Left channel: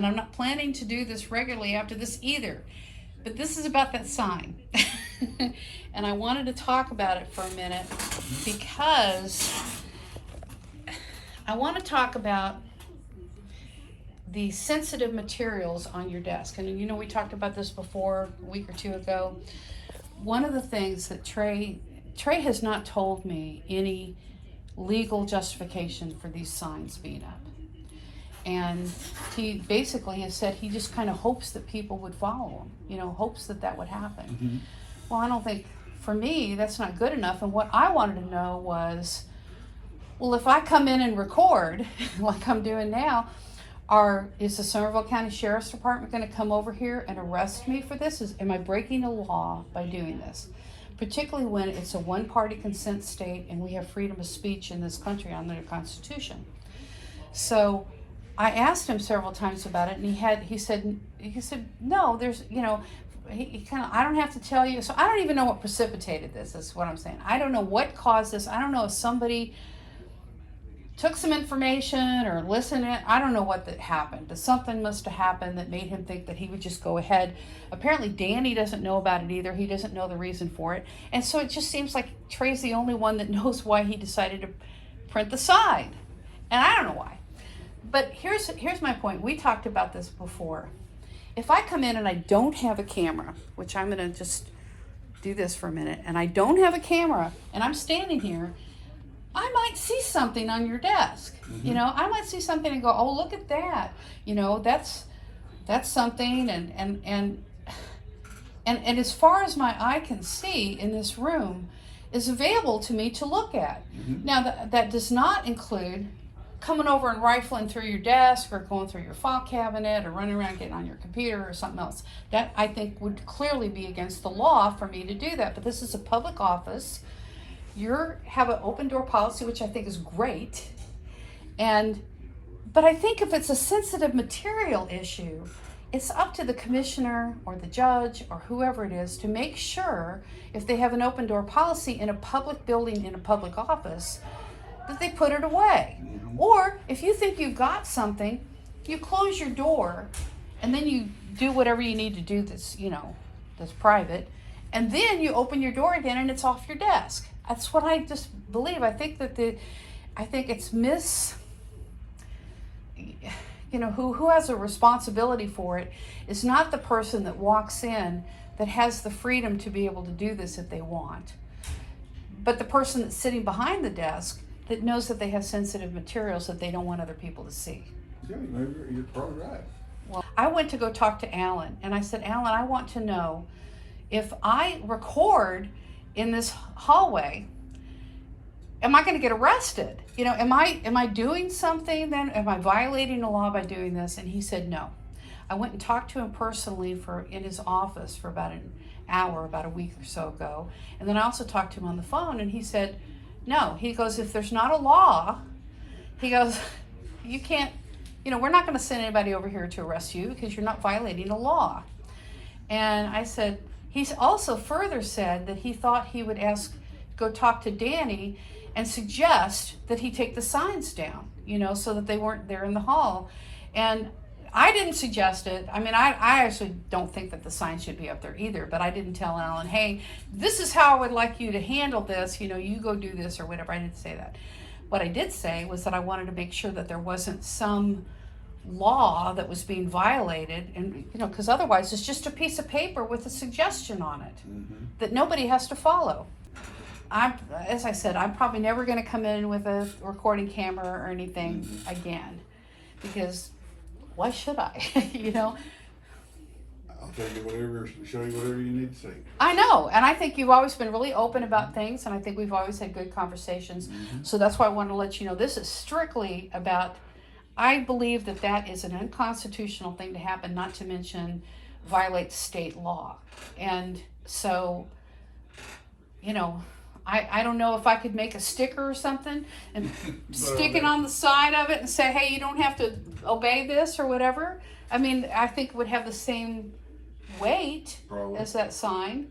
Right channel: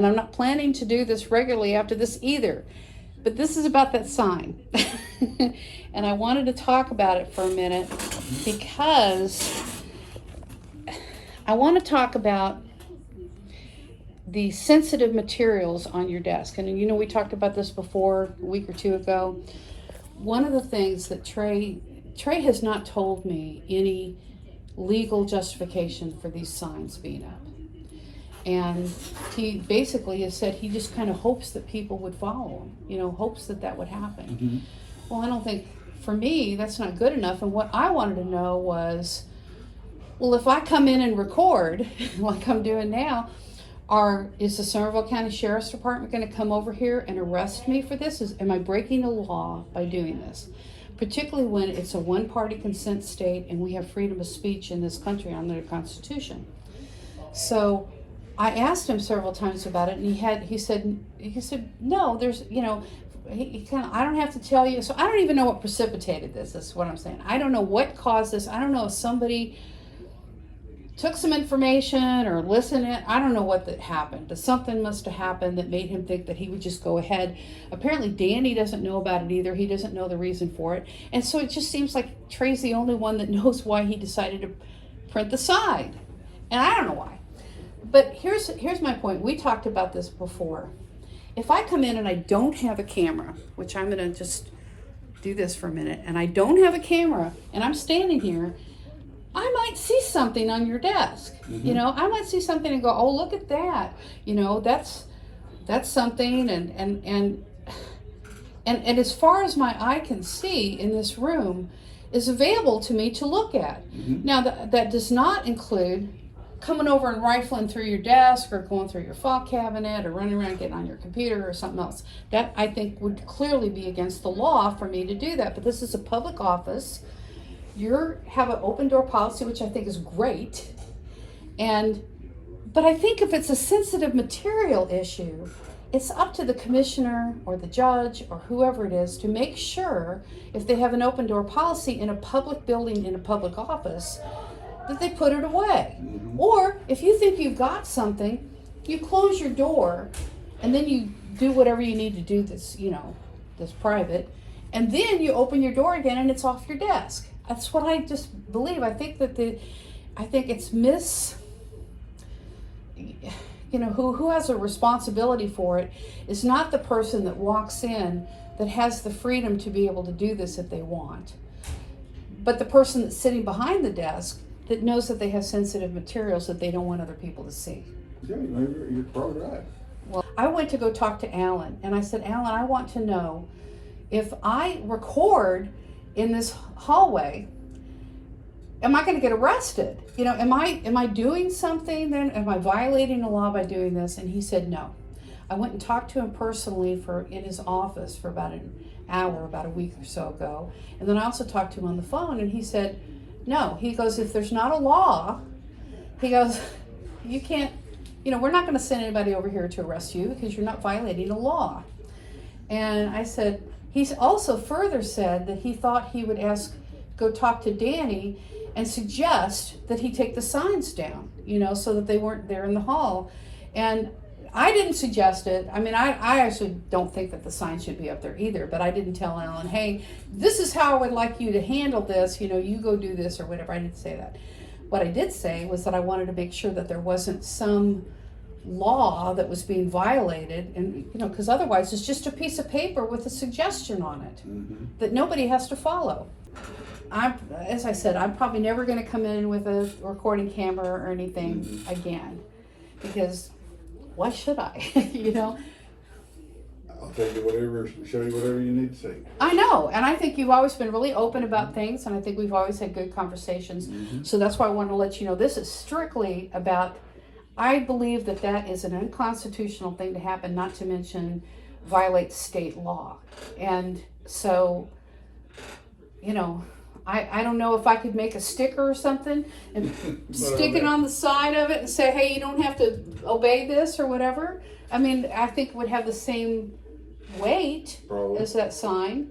And I'm not planning to do this regularly after this either. But this is about that sign. And I wanted to talk about it for a minute because I want to talk about the sensitive materials on your desk. And you know, we talked about this before a week or two ago. One of the things that Trey has not told me any legal justification for these signs being up. And he basically has said he just kind of hopes that people would follow him, you know, hopes that that would happen. Mm-hmm. Well, I don't think, for me, that's not good enough. And what I wanted to know was, well, if I come in and record, like I'm doing now, is the Somervell County Sheriff's Department going to come over here and arrest me for this? Am I breaking the law by doing this? Particularly when it's a one-party consent state and we have freedom of speech in this country under the Constitution. So I asked him several times about it, and he said no, there's, you know, he kind of, I don't have to tell you. So I don't even know what precipitated this, is what I'm saying. I don't know what caused this. I don't know if somebody took some information or listened to it. I don't know what that happened, but something must have happened that made him think that he would just go ahead. Apparently Danny doesn't know about it either. He doesn't know the reason for it. And so it just seems like Trey's the only one that knows why he decided to print the sign. And I don't know why. But here's my point. We talked about this before. If I come in and I don't have a camera, which I'm going to just do this for a minute, and I don't have a camera, and I'm standing here, I might see something on your desk. Mm-hmm. You know, I might see something and go, oh, look at that. You know, that's something. And as far as my eye can see in this room is available to me to look at. Mm-hmm. Now, that does not include coming over and rifling through your desk or going through your file cabinet or running around getting on your computer or something else. That, I think, would clearly be against the law for me to do that. But this is a public office. You have an open door policy, which I think is great. But I think if it's a sensitive material issue, it's up to the commissioner or the judge or whoever it is to make sure, if they have an open door policy in a public building, in a public office, that they put it away. Mm-hmm. Or if you think you've got something, you close your door and then you do whatever you need to do that's, you know, that's private, and then you open your door again and it's off your desk. That's what I just believe. I think that it's you know, who has a responsibility for it is not the person that walks in that has the freedom to be able to do this if they want, but the person that's sitting behind the desk that knows that they have sensitive materials that they don't want other people to see. Yeah, you're probably right. Well, I went to go talk to Alan, and I said, Alan, I want to know if I record in this hallway, am I going to get arrested? You know, am I doing something then? Am I violating the law by doing this? And he said no. I went and talked to him personally in his office for about an hour, about a week or so ago. And then I also talked to him on the phone, and he said, no. He goes, if there's not a law, he goes, you can't, you know, we're not going to send anybody over here to arrest you because you're not violating the law. And I said, he's also further said that he thought he would go talk to Danny and suggest that he take the signs down, you know, so that they weren't there in the hall. And I didn't suggest it. I mean, I actually don't think that the signs should be up there either, but I didn't tell Alan, hey, this is how I would like you to handle this, you know, you go do this or whatever. I didn't say that. What I did say was that I wanted to make sure that there wasn't some law that was being violated, and, you know, because otherwise it's just a piece of paper with a suggestion on it. Mm-hmm. That nobody has to follow. As I said, I'm probably never going to come in with a recording camera or anything mm-hmm. again, because why should I? You know? I'll tell you whatever, show you whatever you need to see. I know, and I think you've always been really open about things, and I think we've always had good conversations. Mm-hmm. So that's why I wanted to let you know this is strictly about, I believe that is an unconstitutional thing to happen, not to mention violate state law. And so, you know, I don't know if I could make a sticker or something and stick it on the side of it and say, hey, you don't have to obey this or whatever. I mean, I think it would have the same weight as that sign.